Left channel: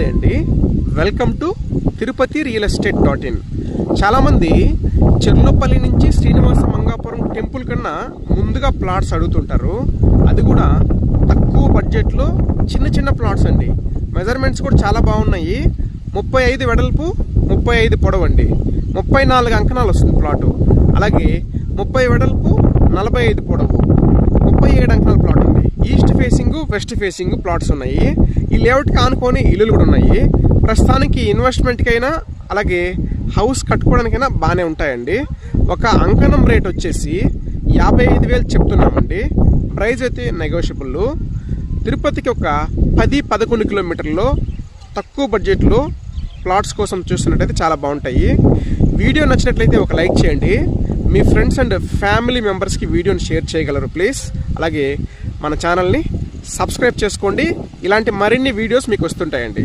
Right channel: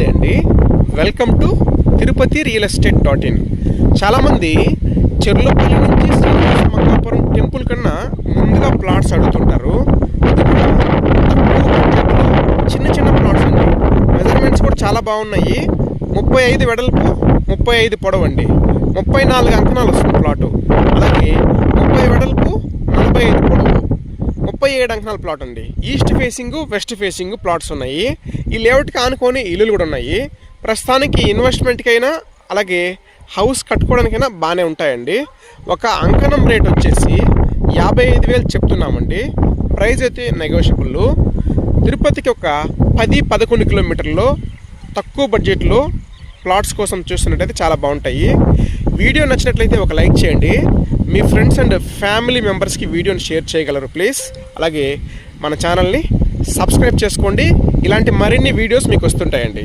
నమస్తే అండి. Welcome to Tirupati real estate. చాలామంది చెర్లోపల్లి నుంచి శ్రీనివాస మంగాపురం టెంపుల్ కన్నా ముందుగా ప్లాట్స్ అడుగుతుంటారు. అది కూడా తక్కువ బడ్జెట్లో చిన్న చిన్న ప్లాట్స్ అండి. మెజర్మెంట్స్ కూడా చాలా బాగున్నాయి. 35 వెడల్పు, 35 పొడవు అండి. 34 అంకణాలు వస్తుంది ప్లాటు. అలాగే 30 వెడల్పు, 45 పొడవు, 37 అంకణాల ప్లాట్ అండి. East facing, west facing plots ఉన్నాయి. ఈ లేఅవుట్కి ఆనుకొని ఇల్లులు కూడా ఉన్నాయి. ప్రస్తుతానికి ఇన్వెస్ట్మెంట్కైనా అలాగే హౌస్ కట్టుకోవడానికైనా బాగానే ఉంటాయండి. ఒక అంకణం రేట్ వచ్చేసి 55,000 చెప్తున్నామండి. ప్రైస్ అయితే నెగోషియబుల్. తిరుపతికి ఒక 10-11 కిలోమీటర్లో తక్కువ బడ్జెట్లో ప్లాట్స్ కోసం చూస్తున్నట్టయితే చాలా బాగుంటాయి. వీడియో నచ్చినట్లయితే ఒక లైక్ చేయండి. మీ ఫ్రెండ్స్ అండ్ ఫ్యామిలీ మెంబర్స్కి వీడియోని షేర్ చేయగలరు ప్లీజ్. అలాగే మన ఛానల్ని సబ్స్క్రైబ్ చేసుకోండి. ఇలాంటి మరిన్ని వీడియోస్ మీకు వస్తుంటాయండి.